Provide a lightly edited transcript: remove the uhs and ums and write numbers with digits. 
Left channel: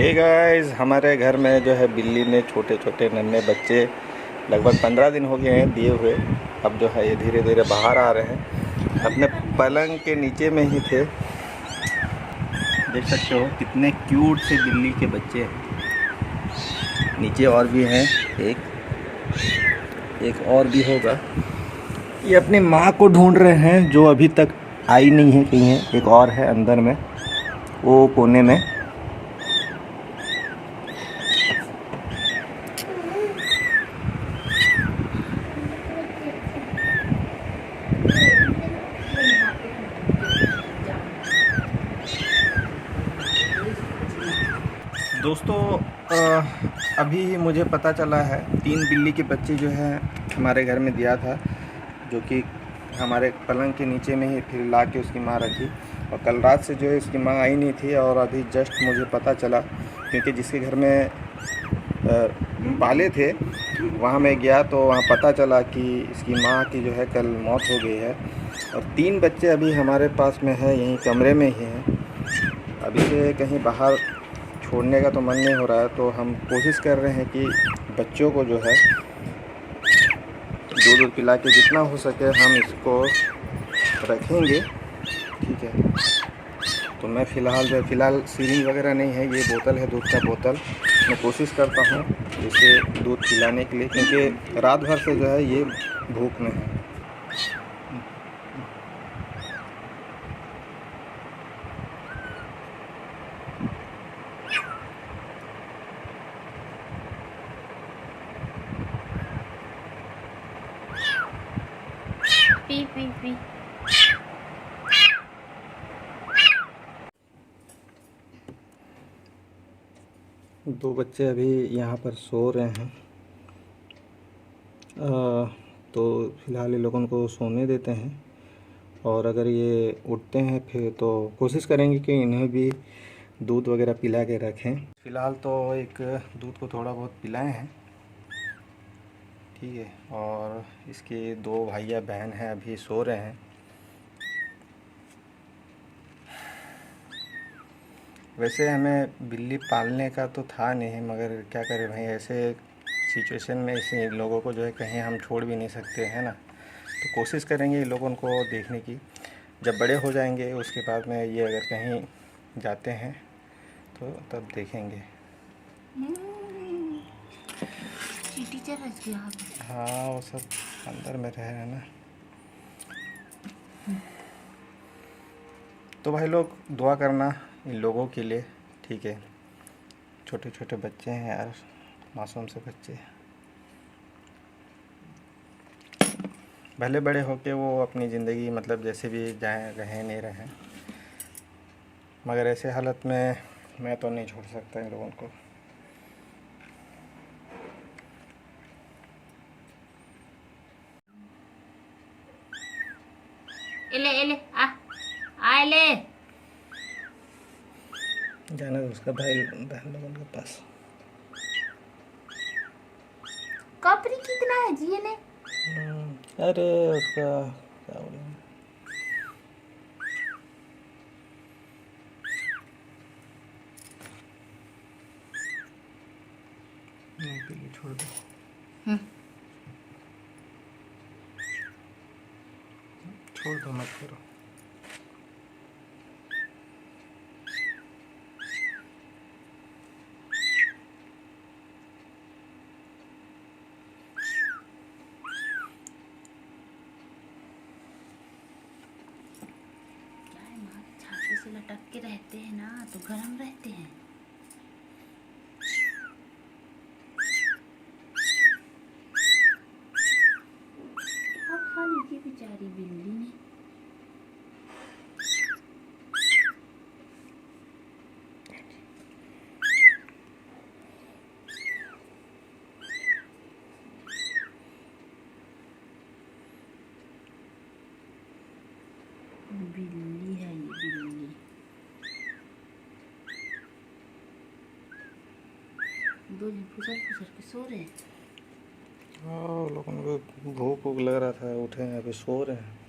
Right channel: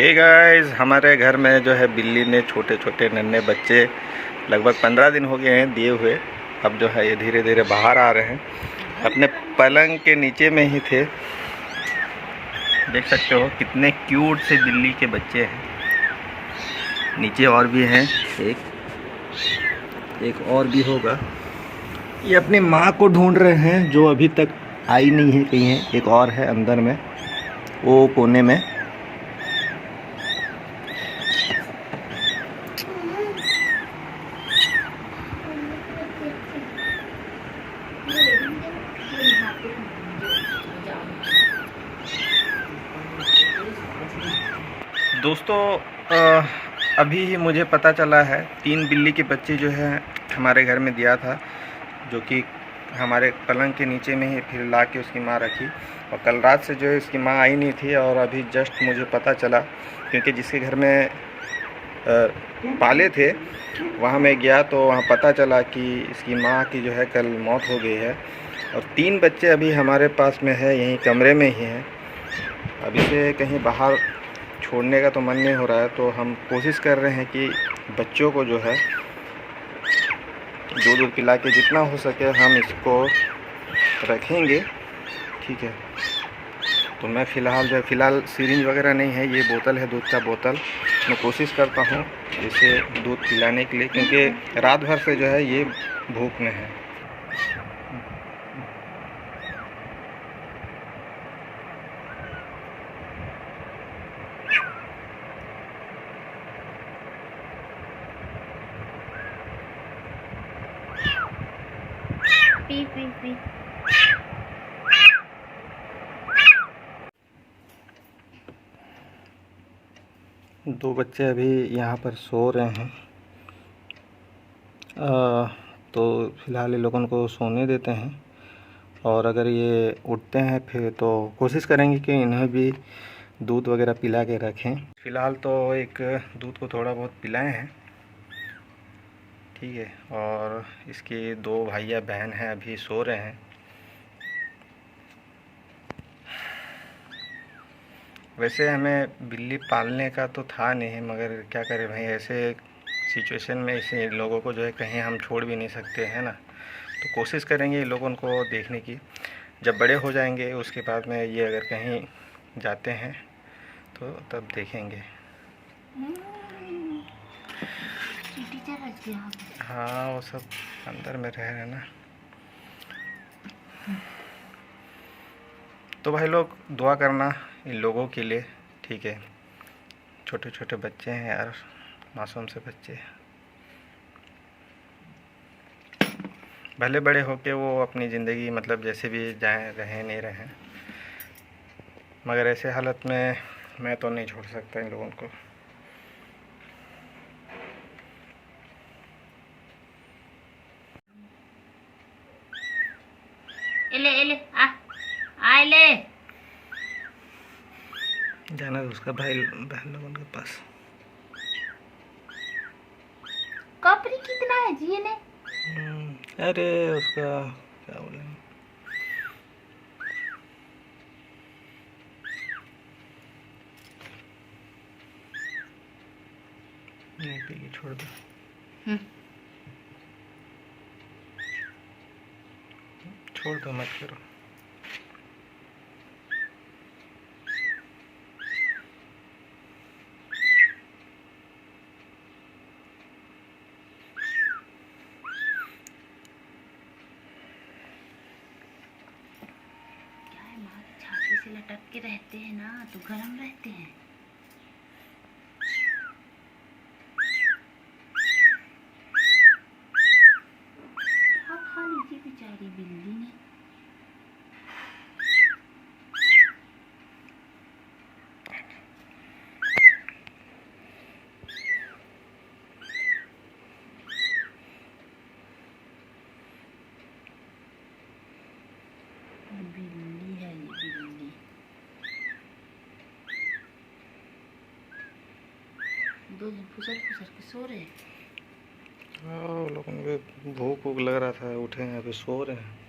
Hey guys, हमारे घर में जो है बिल्ली ने छोटे छोटे नन्हे बच्चे लगभग 15 दिन हो गए हैं दिए हुए। अब जो है ये धीरे धीरे बाहर आ रहे हैं। अपने पलंग के नीचे में ही थे। देख सकते हो कितने क्यूट से बिल्ली के बच्चे हैं। नीचे और भी हैं, एक और भी होगा। ये अपनी माँ को ढूंढ रहे हैं जो अभी तक आई नहीं है, कहीं है। एक और है अंदर में, वो कोने में। दोस्तों अभी मुझे पता चला है 3 बिल्ली के बच्चे जो है हमारे घर में दिया था, जो कि हमारे पलंग के नीचे में ही फिर ला के उसकी माँ रखी। और कल रात से जो है उसकी माँ आई नहीं थी, और अभी जस्ट मुझे पता चला, क्योंकि जिसके घर में पाले थे वहाँ मैं गया तो वहाँ पता चला कि इसकी माँ की जो है कल मौत हो गई है। और 3 बच्चे अभी हमारे पास में है, यहीं कमरे में ही हैं। अभी से कहीं बाहर छोड़ने का तो मन नहीं हो रहा है, तो हम कोशिश कर रहे हैं कि बच्चों को जो है दूध पिला के जितना हो सके हम इसको रखेंगे, ठीक है। तो मैं फ़िलहाल सिरिंज वगैरह नहीं है, ये बोतल है, दूध का बोतल। मैं कोशिश करता हूँ इसे दूध पिलाने के लिए, क्योंकि रात भर से जो है ये भूख में है। P P P. 2 बच्चे अभी यहाँ पर सो रहे हैं। तो फ़िलहाल ये लोगों को सोने देते हैं, और अगर ये उठते हैं फिर तो कोशिश करेंगे कि इन्हें भी दूध वगैरह पिला के रखें। फ़िलहाल तो एक दूध को थोड़ा बहुत पिलाए हैं, ठीक है। और इसके 2 भाइया बहन हैं, अभी सो रहे हैं। वैसे हमें बिल्ली पालने का तो था नहीं, मगर क्या करें भाई, ऐसे सिचुएशन में ऐसे लोगों को जो है कहीं हम छोड़ भी नहीं सकते हैं ना। तो कोशिश करेंगे इन लोगों को देखने की। जब बड़े हो जाएंगे उसके बाद में ये अगर कहीं जाते हैं तो तब देखेंगे। हाँ, वो सब अंदर में रह रहे हैं ना। तो भाई लोग दुआ करना इन लोगों के लिए, ठीक है। छोटे छोटे बच्चे हैं यार, मासूम से बच्चे। भले बड़े होके वो अपनी ज़िंदगी मतलब जैसे भी जाएं, रहें नहीं रहें, मगर ऐसे हालत में मैं तो नहीं छोड़ सकता इन लोगों को। एले एले आ ले। जाना उसका भाई बहन लोगों के पास। कपरी कितना है जी ने? अरे उसका क्या बोलेंगे, नहीं पी, छोड़ दो। छोड़ दो, मत करो। क्या है माँ, छाती से लटक के रहते हैं ना तो गर्म रहते हैं। क्या खा लीजिए बेचारी बिल्ली ने। बिल्ली है ये बिल्ली। दो दिन फुसर फुसर के सो रहे हैं। हाँ, लोगों को भूख लग रहा था, उठे हैं, अभी सो रहे हैं।